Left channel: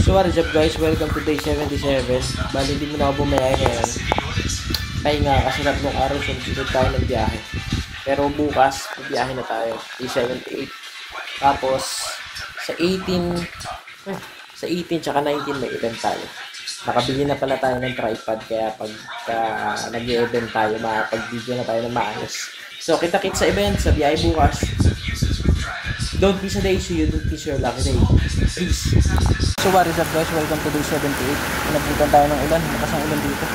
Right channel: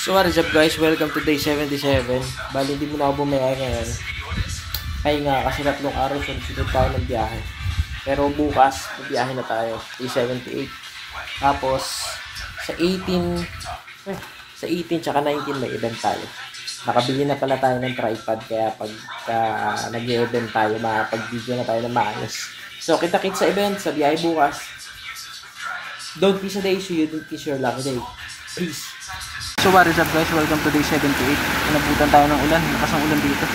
So what is up guys, welcome to day 77. Bali hindi mo na ako bumiyay ngayon. Ay nga, kasi tatlong araw sunod tayo ng biyahe. Pero bukas, biyahe na tayo, day 78. Tapos, sa 18 tsaka 19 may event tayo. Nakabili na pala tayo ng tripod, kaya pagka nag-event tayo, makapag-video na tayo ng maayos. So kita-kits sa event, sa biyahe bukas. Don't miss a day, see you, don't miss your lucky day. Peace. So what is up guys, welcome to day 78. Inabutan tayo ng ulan, lakas ang ulan dito.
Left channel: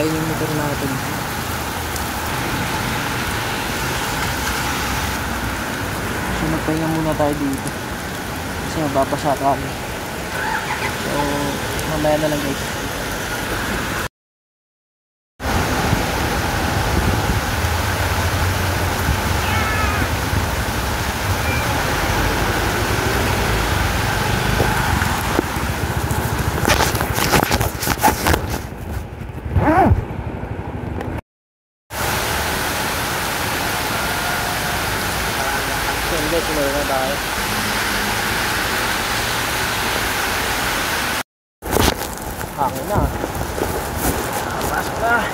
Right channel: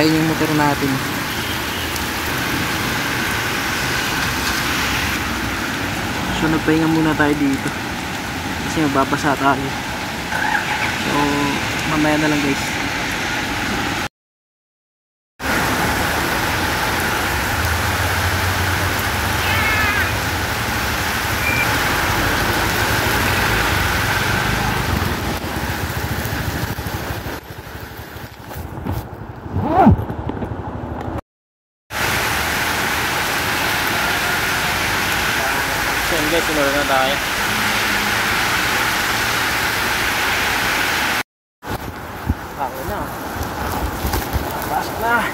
Ayun yung motor natin. So nagpahinga muna tayo dito kasi mababasa tayo. So mamaya na lang guys. Guys, sinura na tayo. Hangin na. Pasok na.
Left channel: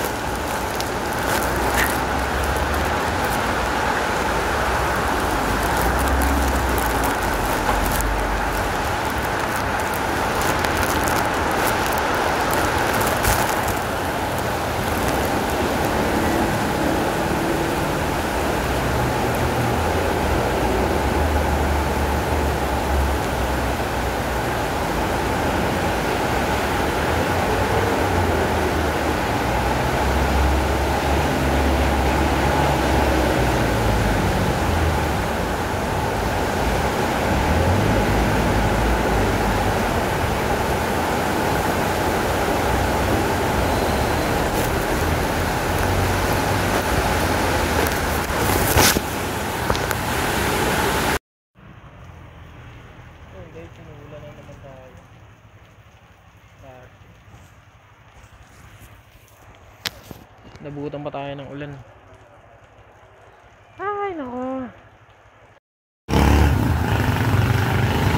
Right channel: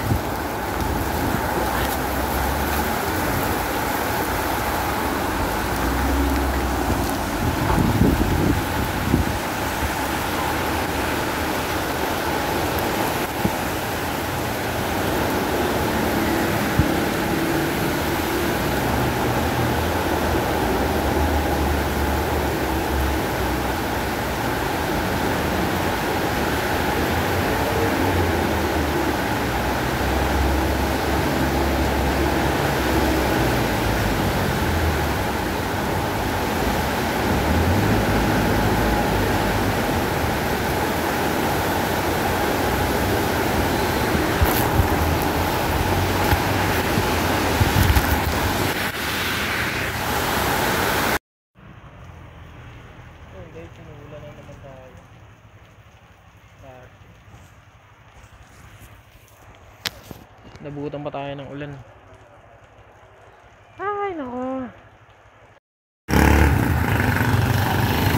Sinulan na naman tayo. Nabutan pa tayo ng ulan. Ay nako.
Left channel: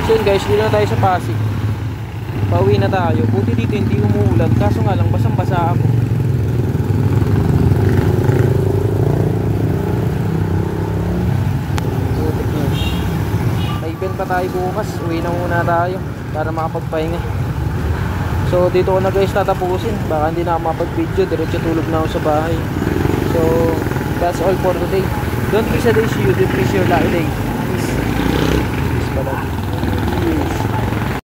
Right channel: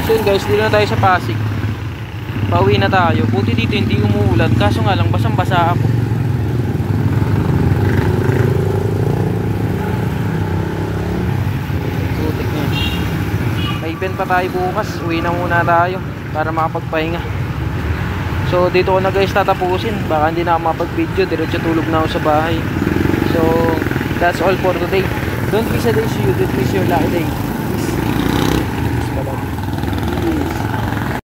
So yun guys, dito na tayo sa Pasig. Pauwi na tayo. Buti dito hindi umuulan, kaso nga lang basang basa ako. Butik na. May event pa tayo bukas, uwi na muna tayo para makapagpahinga. So dito ko na guys tatapusin, baka hindi na ako makapag-video, diretso tulog na ako sa bahay. So that's all for today. Don't miss a day, see you, don't miss your lucky day.